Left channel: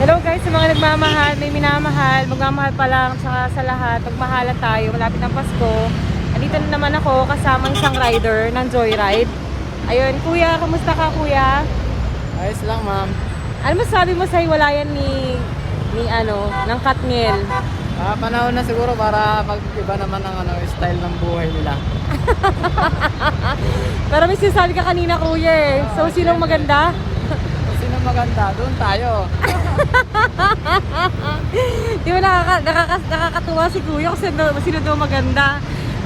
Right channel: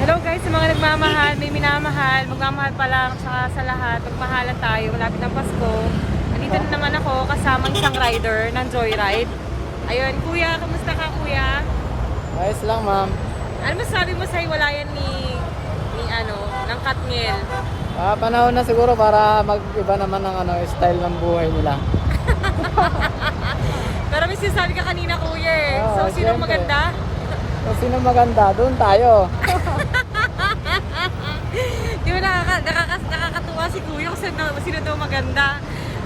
Hello guys, sa mga nagmamahal, may minamahal, magmamahal pa lang, tsaka sa lahat, magmahalan tayo, malapit ng Pasko. Andito na naman ako kasama isang rider ng Joyride. Ayun, kuya, kamusta ka kuya? Ayos lang, ma'am. Ano masabi mo sa hiwalayan ng Katniel? Panahon na siguro para mag-iba naman ng style ng buhay nila. Pero may sinasabi ka kanina kuya eh. So, sinong maganda? Sino maganda? Doon tayo. Di ba nakakatuwa si kuya kasi sino daw maganda?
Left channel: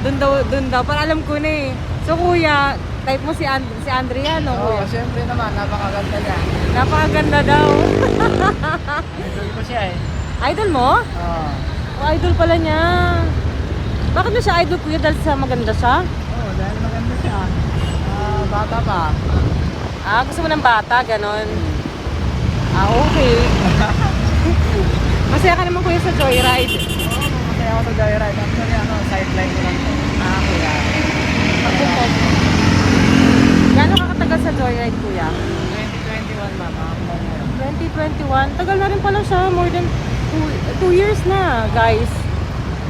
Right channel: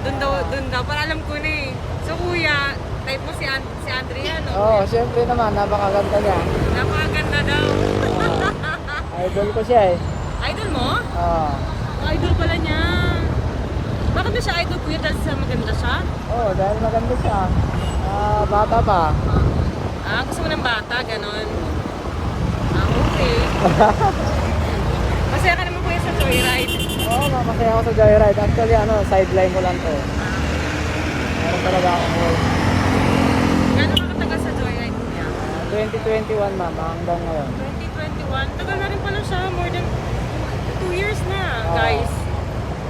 Doon daw. Para alam ko na eh. So kuya, type mo si Andrea, no? Oo, syempre naman. Napakaganda niya. Napakaganda daw. Idol ko siya eh. Idol mo? Oo. Idol pala niya. Bakit na siya idol kuya? Dahil sa maganda siya? Oo, dahil maganda siya. Bata pa. Gusto mo ng bata, ganon. Okay. Masaya ka naman kuya sa Joyride. Oo, masaya ako sa Joyride. Actually, sideline ko lang to. Kuya. Ano talaga ako? Gano'n ka katagal sa Joyride kuya? 2021, ma'am. Hanggang ngayon. 2021. Tagal na rin pala siya. More than 2 years na, guys.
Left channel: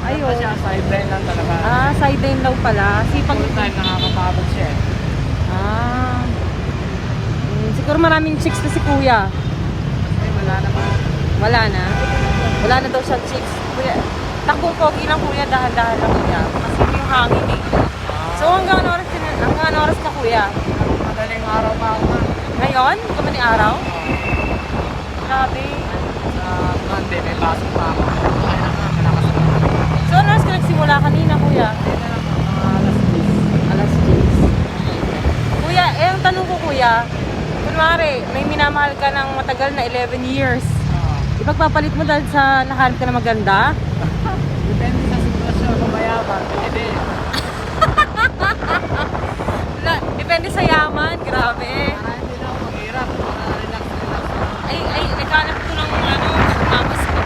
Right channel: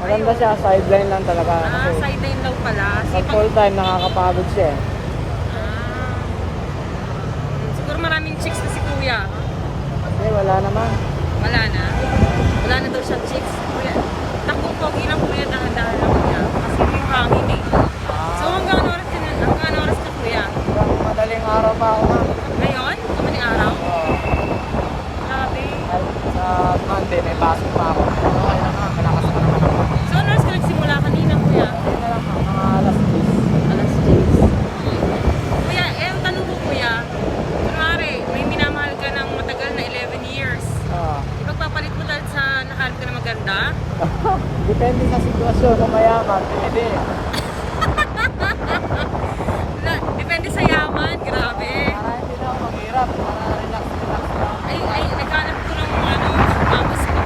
Maganda siya. Sideline lang talaga. Sideline daw pala. Sipag. Full time nakakapagod siya eh. Siguro maraming chicks na si kuya. Wala naman. Wala na. Wala na daw siyang chicks. Takbo pogi na kuya. Dahan-dahan lang kuya. Kasi yung hangin. So hanggang ano oras ka kuya? Madaling araw pa ako, ma'am. Ngayon? Madaling araw? Grabe. Sa Monday, may pasok pa ako. Malakas na. So ano oras ka nagsimula kanina kuya? Mga alas 10. Alas 10. Kuya, ang tanong ko kuya, kunwari, may minamahal ka ng matagal na 11 years. Ipagpapalit mo dahil sa nakahanap ka na maganda? Depende sa sitwasyon kung mayaman. Pwede. Depende sa yaman. Grabe. Hindi na maghirap. Ay, naghanap ko ng mamas ko.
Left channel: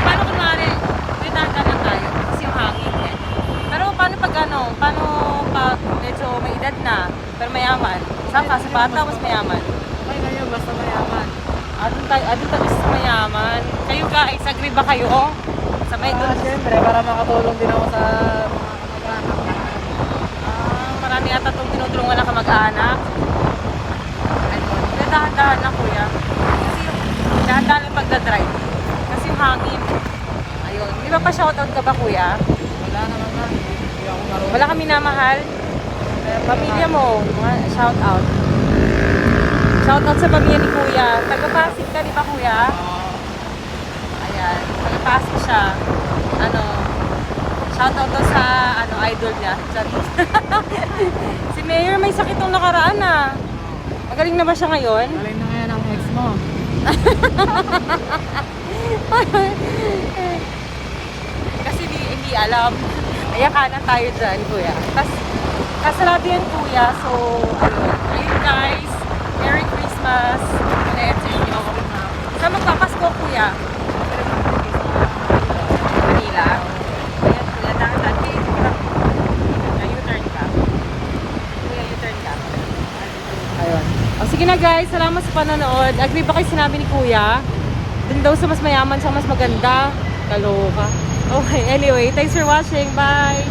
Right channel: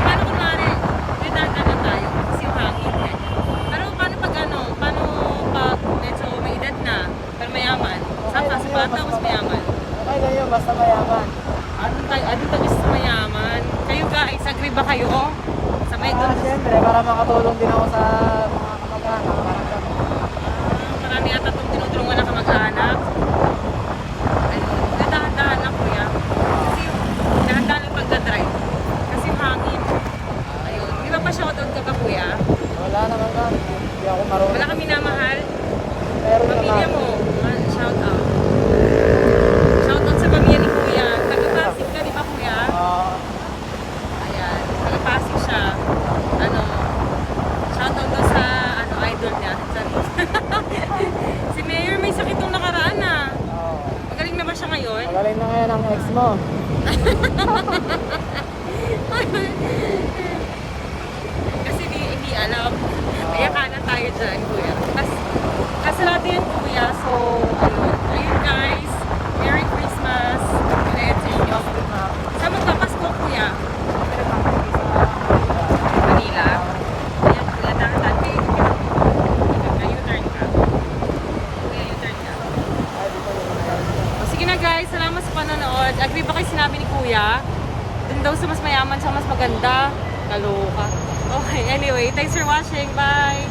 Paano kunwari, ritaga na tayo kasi yung hangin. Pero paano pag medyo may edad na, pero mayaman? Saan ka? Sa bata o mas mayaman? Okay lang yun, basta mayaman. Adun tayo sa mayaman. Kayo guys, agree ba kayo? Sa may doon. Siyempre, baka makatulong din ako sa Marami ata itong tinutulungan na kamag-anak. Dahan-dahan lang kuya. Dahan-dahan lang pagdadrive. Kasi yung hangin. Iba pa shoutout ka ba kuya? Wala naman ba? Hindi ako marunong. Wala kami namahal. Meron Pamilya naman. mo, shoutout. Shoutout sa pamilya ni kuya. Taga-Pasig ka, di ba kuya? Ayan, taga-Pasig siya. Shoutout ko sa idol niya. Si Mayor may sakit nung nakaraan Magaling na ba siya ngayon? Galing na ngayon ang ex mo. Kasi hindi alam. Kaya kana tayo dyan, kuya. Kasarado yan, kuya. So, ayun guys. Merry Christmas. Saan magpapasko, kuya? Manila. Ayan, kuya. Dati. U-turn ka. Kuya, U-turn ka. Sige na guys, salamat sa panonood. Agree ba kayo sinabi ni kuya? Doon daw sa mas mayaman siya mas maganda. Kaloka. Okay, anyway, thanks for watching. Bye!